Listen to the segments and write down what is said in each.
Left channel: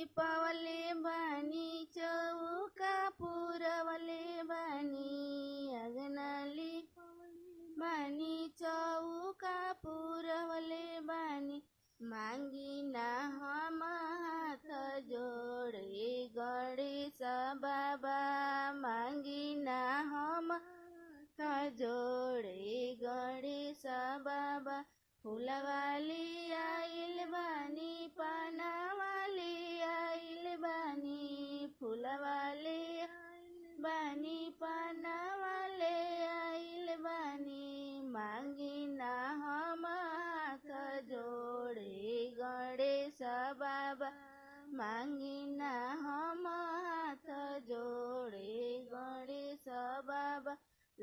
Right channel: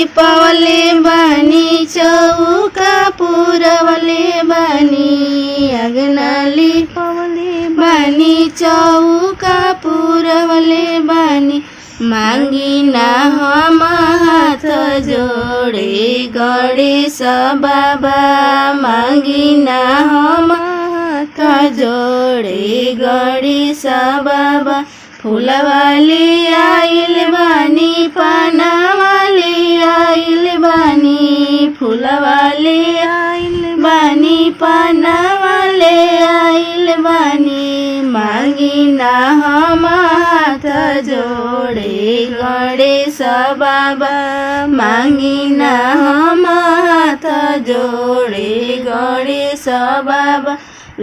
लिपवले बानी चौका पुरवले बानी अंगना लिपवले बानी चौका पुरवले बानी मांगी ना हम हाथ जोड़े गणेश बाबा मांगी ना हम हाथ जोड़े गणेश बाबा फूलवाली आइल बानी पानावाली आइल बानी फूलवाली आइल बानी पानावाले आइल बानी मांगी ना हम हाथ जोड़े गणेश बाबा मांगी ना हम हाथ जोड़े गणेश बाबा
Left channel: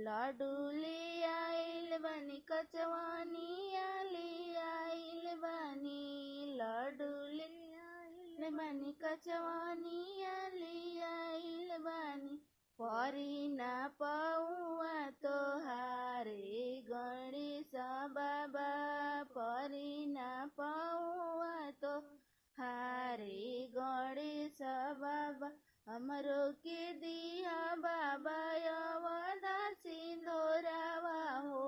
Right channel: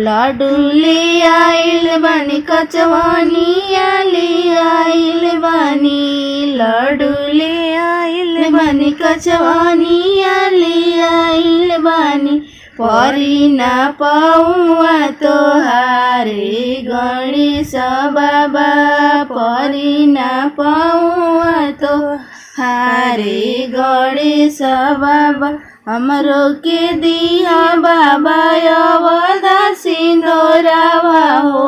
लाडूले आइल बानी कचवानिया ले आइल बानी लाडूले आइल बानी कचवानिया ले आइल बानी परी ना पाऊँ तोहारे गणेश बाबा परी ना पाऊँ तोहारे गणेश बाबा हमरो के दिया बाबा अवधा सिंदूरवा हो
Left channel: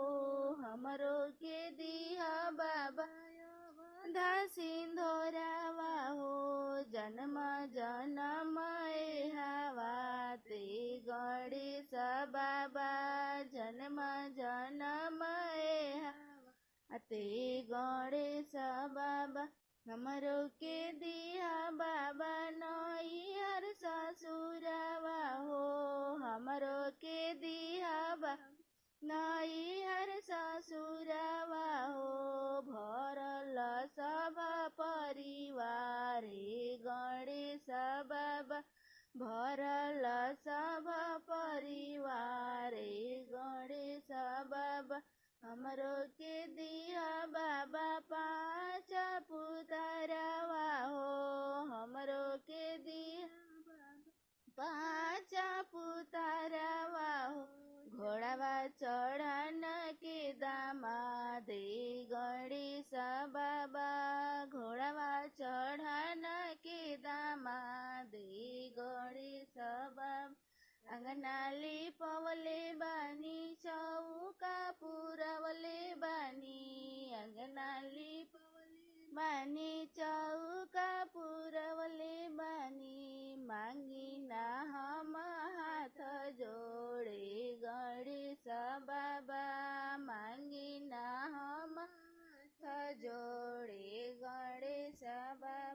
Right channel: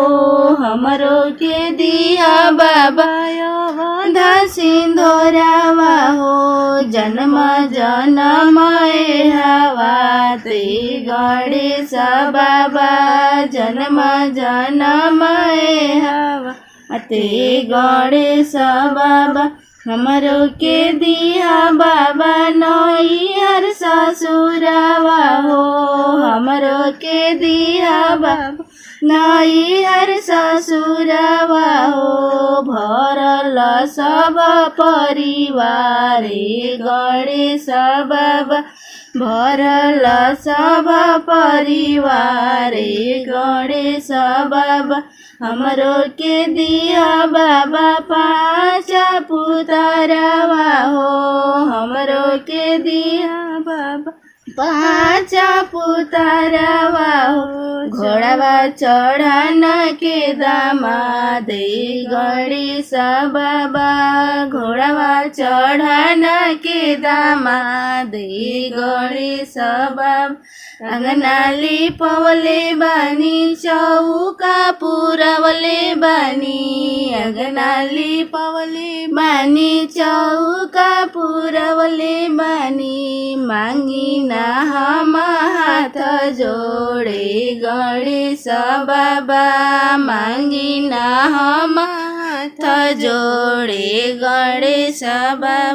हमरो के दिया बाबा अवधा सिंदूरवा हो जन्म जन्म हवा ते गणेश बाबा जन्म जन्म हवा ते गणेश बाबा हमरो के दिया बाबा नैहर ससुरवा हो हमरो के दिया बाबा नैहर ससुरवा हो भरल सब परिवार गणेश बाबा भरल सब परिवार गणेश बाबा हमरो के दिया बाबा पाँच पुतरवा हो हमरो के दिया बाबा पाँच पुतरवा हो घोड़ावा चढ़ान के दामाद गणेश बाबा घोड़ावा चढ़ान के दामाद गणेश बाबा अंगना लिपवले बानी चौका पुरवले बानी अंगना लिपवले बानी चौका पुरवले बानी मांगी ना हम हाथ जोड़े गणेश बाबा मांगी ना हम हाथ जोड़े गणेश बाबा।